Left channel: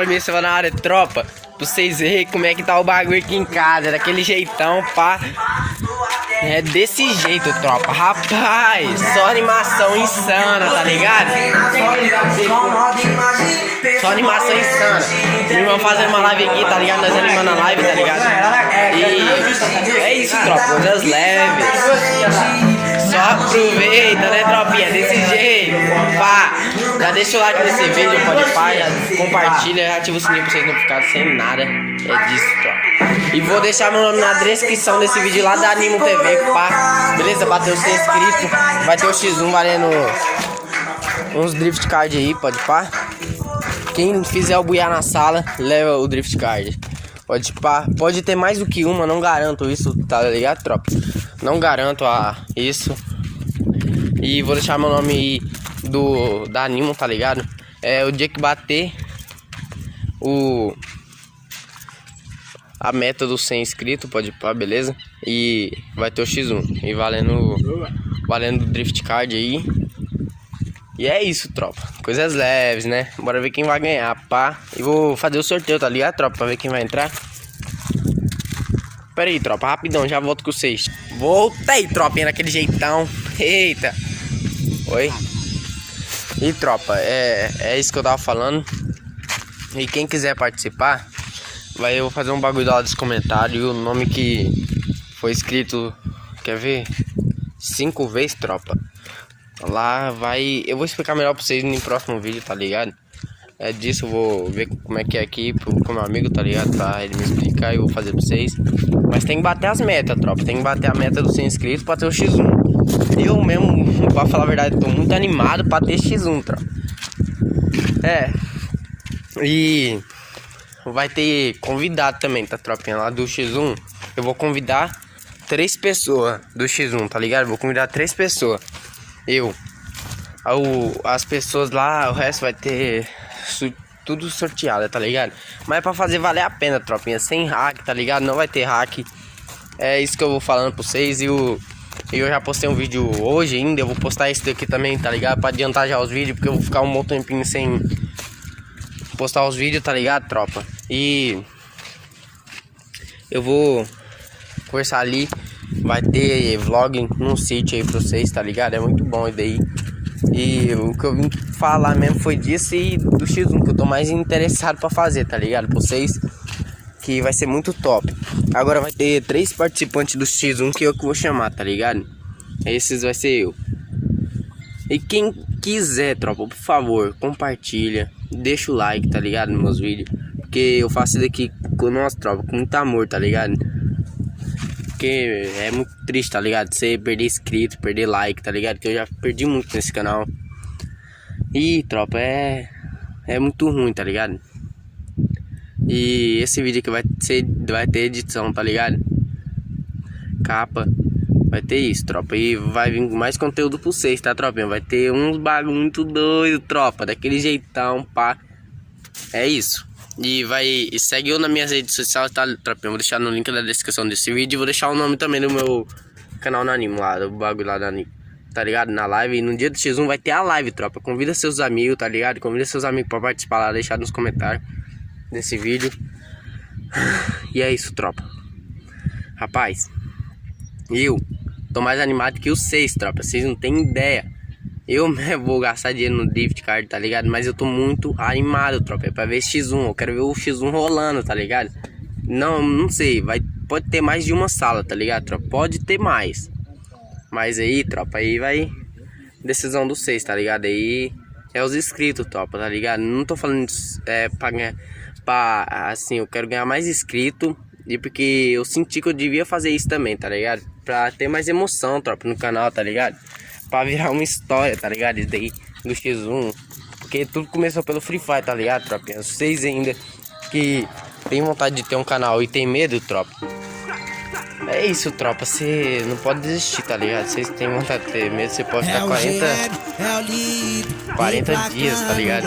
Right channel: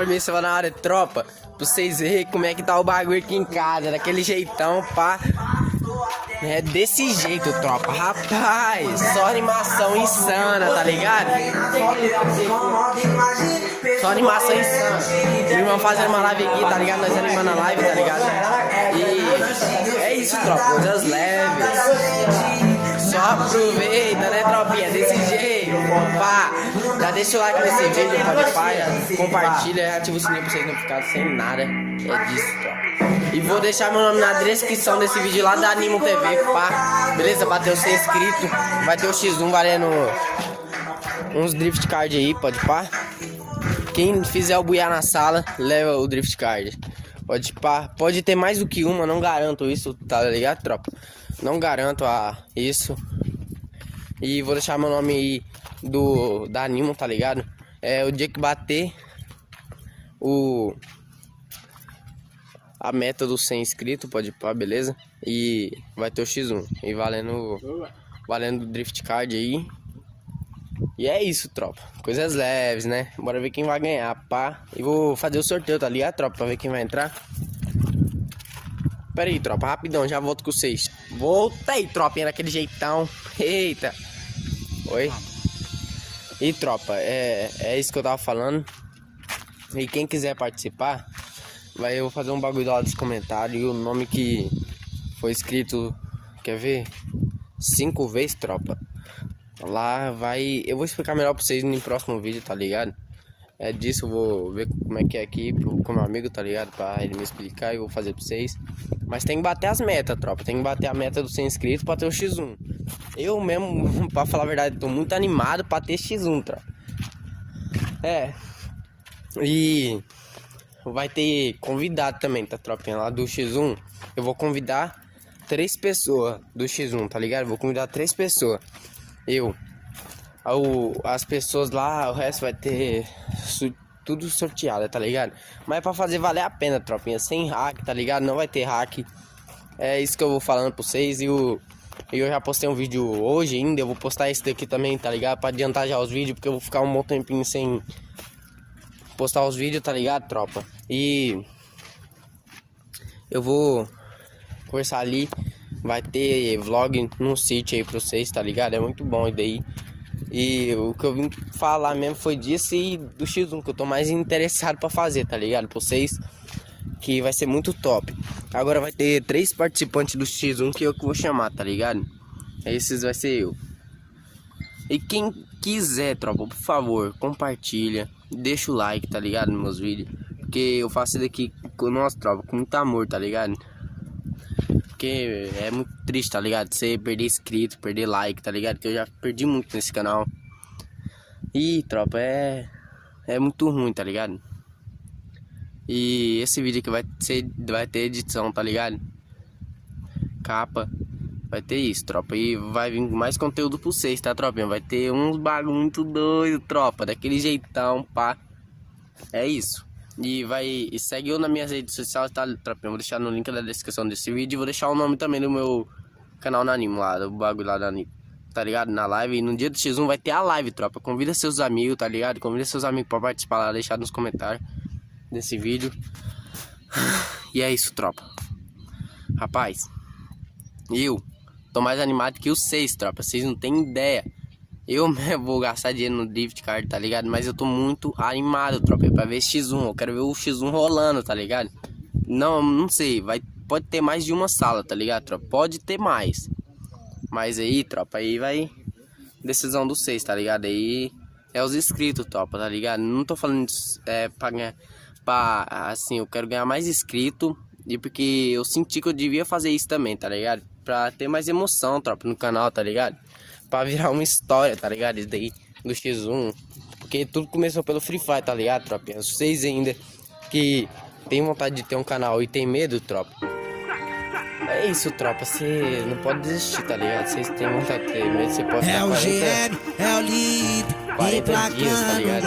cabeça na área, tropa. Pra vocês verem como é que tá o bagulho aqui em casa. Daquele jeitão, pá. É desse jeito, tropa. Rapaz, só animação insana, tá ligado? Só animação insana. Meu irmão fazendo uma live aqui, tá ligado? Nós animando a live, tá ligado? E é isso, tropa. Coisas leves. Só aproveita, né, tropinha? Desse jeito, pá. Já deixa o like nesse vídeo, pode pá, já compartilha, já ativa o sininho pra vocês não ficarem sem nada. É disso, tropa. E vou deixar meu nome na descrição desse vídeo lá da Animo TV, pá. Beleza? Bateu 100 inscritos. Vai ter o X1 valendo uns drift card aí, pode pá. Quem fizer o buiar na sala, leva o drift card. Pode pá. Pode ter mais do que uma, não garanto isso, tá ligado, tropa? Não garanto isso. E vou deixar meu nome da Animo, tá ligado? É o dia que bater a meta dos 100 inscritos, pode ir pá, beleza? E vai ter o X1 e valendo drift card aí. E é isso, tropa. Coisas leves, né? Bora ver quem vai ganhar, pá. E vou fazer o sorteio, tá ligado, tropa? Pra ver quem vai entrar. Pera aí, tropa, rapidão, já volto com vocês. Voltei, tropinha, naquele jeitão. Eita. Oi. E, tropa, é isso que eu tava falando. E quem quiser participar, eu vou fazer um bagulho lá dos comentários. E o nome que foi escrito, quer ver? 5 vezes, tropa. Lá vai... Eu vou explicar melhor pra vocês no próximo vídeo, tá ligado? É disso, eu vou ver como é que é aqui com meu amigo, tá ligado? Pra ele me explicar e eu vou fazer pra vocês. Mas tem que bater as metas, tropa. Tem que bater a meta dos 100 inscritos pra ter o X1. Eu mesmo, pra falar a verdade, tô muito animado pra ter X1, tropa. E vai ter convidado também, tá, tropinha? Lá do X1, eu vou convidar 3 pessoas do X1, tá ligado? Vou convidar 3 pessoas. As pessoas lá, o resto vai ter tudo sorteado, tá ligado? Mas é pra fazer valer a pena, tropinha. Sem hack, tá ligado? Não vai ter hack. É isso que eu vou falando pra vocês. E eu já postei um vídeo hoje ainda. Eu vou postar esse daqui também, tá ligado? Pra adiantar já os vídeos, porque eu vou ficar um bom tempinho sem postar os vídeos, tá ligado, tropa? E eu vou conversar ali. Vai ter vlog num sítio aí pra vocês, tá ligado? É muito bom isso daí. E o que eu vim falar mesmo foi disso e do X1 que eu tô mais interessado pra fazer, tá ligado? Pra vocês, que vai ser muito top. Agora vai ter 3 participantes do X1 que eu vou chamar, tá ligado? Esses vai ser eu. E quem quiser, tropa, por favor, compartilha, deixa o like, tá ligado? Nos meus vídeos. Porque eu faço isso daqui com nossa tropa, com muito amor, tá ligado? Porque é muito triste, tá ligado? Você perder inscrito, perder like, tá ligado? Que eu já perdi muito nesse canal. E, tropa, é muito ruim, tá ligado? E esse vídeo aqui vai ter edição, tá ligado? Capa, vai ter isso, tropa. E vai vir mais conteúdo pra vocês, tá, tropinha? Vai ter uns bagulho muito doido, tropa. Daquele jeitão, pá. É isso. E segue eu nas minhas redes sociais, tá, tropinha? Vou deixar no link da descrição desse vídeo. E vou deixar o nome também do meu canal na Animo, lá, do bagulho lá da Animo, tá ligado? Na live. E no dia do X1 vai ter a live, tropa. Convida seus amigos, tá ligado? Convida seus amigos pra participar lá, deixar nos comentários desse vídeo. E é isso, tropa. Rapaz, eu tô mais animado que vocês, tropa. Vocês não tem ideia. Eu mesmo vou gastar dinheiro no drift card, tá ligado? Mas eu tô muito animado, tropa. É pra ver X1. Eu quero ver o X1 rolando, tá ligado? Não sei. Pode ter mais de uma sala, tá ligado, tropa? Pode ter mais. Mas aí, tropa, aí vai decisão dos 6, tá ligado? Aí é os inscritos, tropa, tá ligado? Não tô falando pra ganhar. Assim, eu quero ganhar mais inscritos. E porque eu senti que eu devia fazer isso também, tá ligado? Pra ter mais emoção, tropa, no canal, tá ligado? Pra virar uma história, tá ligado? Isso daí do X1. Porque tudo começou pelo Free Fire, tá ligado, tropinha? Vocês ainda que tem vontade de ter um canal e tem medo, tropa. É isso, tropa. Você não pode desistir, tá ligado? Vocês têm vontade de ter medo, você pode ter 40 dias, tá ligado?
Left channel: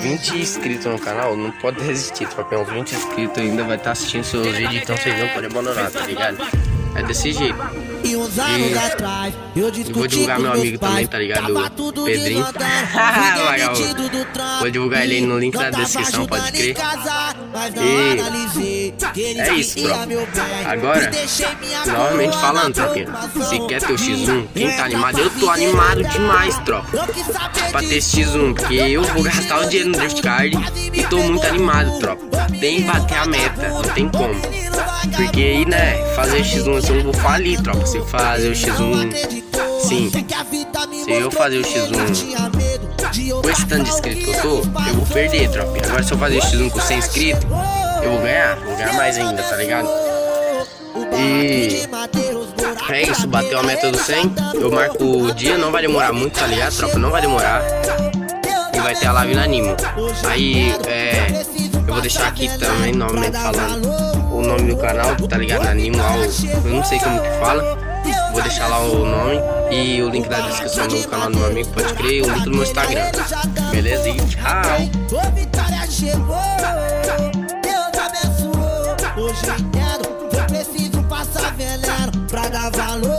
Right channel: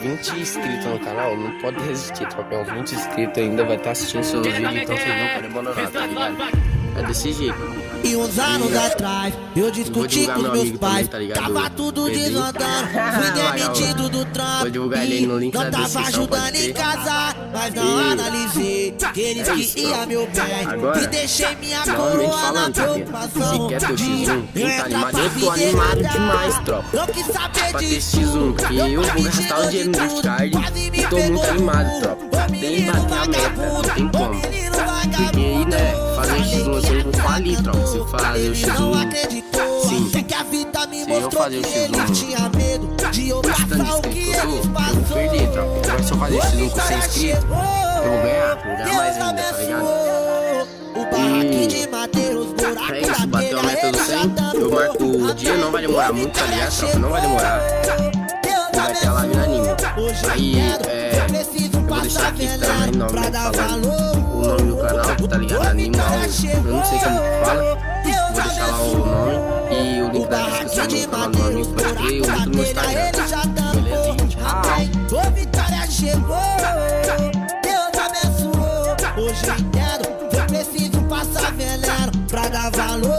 20 inscritos no canal, não pode resistir, tropa. Uns 20 inscritos ainda vai estar assistindo seus vídeos, então vocês vão poder abandonar, tá ligado? É desse jeito. E uns anos atrás eu discuti com meus pais, também, tá tava tudo desandando, fui demitido do trampo e não tava ajudando em casa, mas não analisei que eles queriam meu bem e deixei minha coroa na preocupação. Se quer ter o X1, quem tá animado? Eu tô animado demais, tropa. Não quis saber pra ter disso, X1, porque eu vou gastar o dinheiro no Draft Card e tô muito animado, tropa. Tem que bater a meta, não tem como. Porque aí, né, fazer X1 eu não vou falir, tropa. Se fazer o X1, sim. Se eu fazer o X1 com esse tanto de inscritos que eu tô, eu vou perder, tropa. Agora se eu fazer o X1 com 100 inscritos, eu vou ganhar mais ainda, tá ligado? E é isso, bateu a meta do 100. Eu marco o dia, não vai demorar muito, tá ligado, tropa? Não vai demorar. E vai ter a live na Animo. Aí, eu vou deixar aqui também nome, né, falando o nome do canal, tá ligado? Animo, eu não sei como que fala. Vou deixar lá o nome e o link da descrição do canal do meu amigo pode crer, e o link do meu Instagram. Belezinha, tchau. Ô, vitória chegou, Deus abençoou. Hoje eu entendo, eu preciso passar veneno pra dar valor.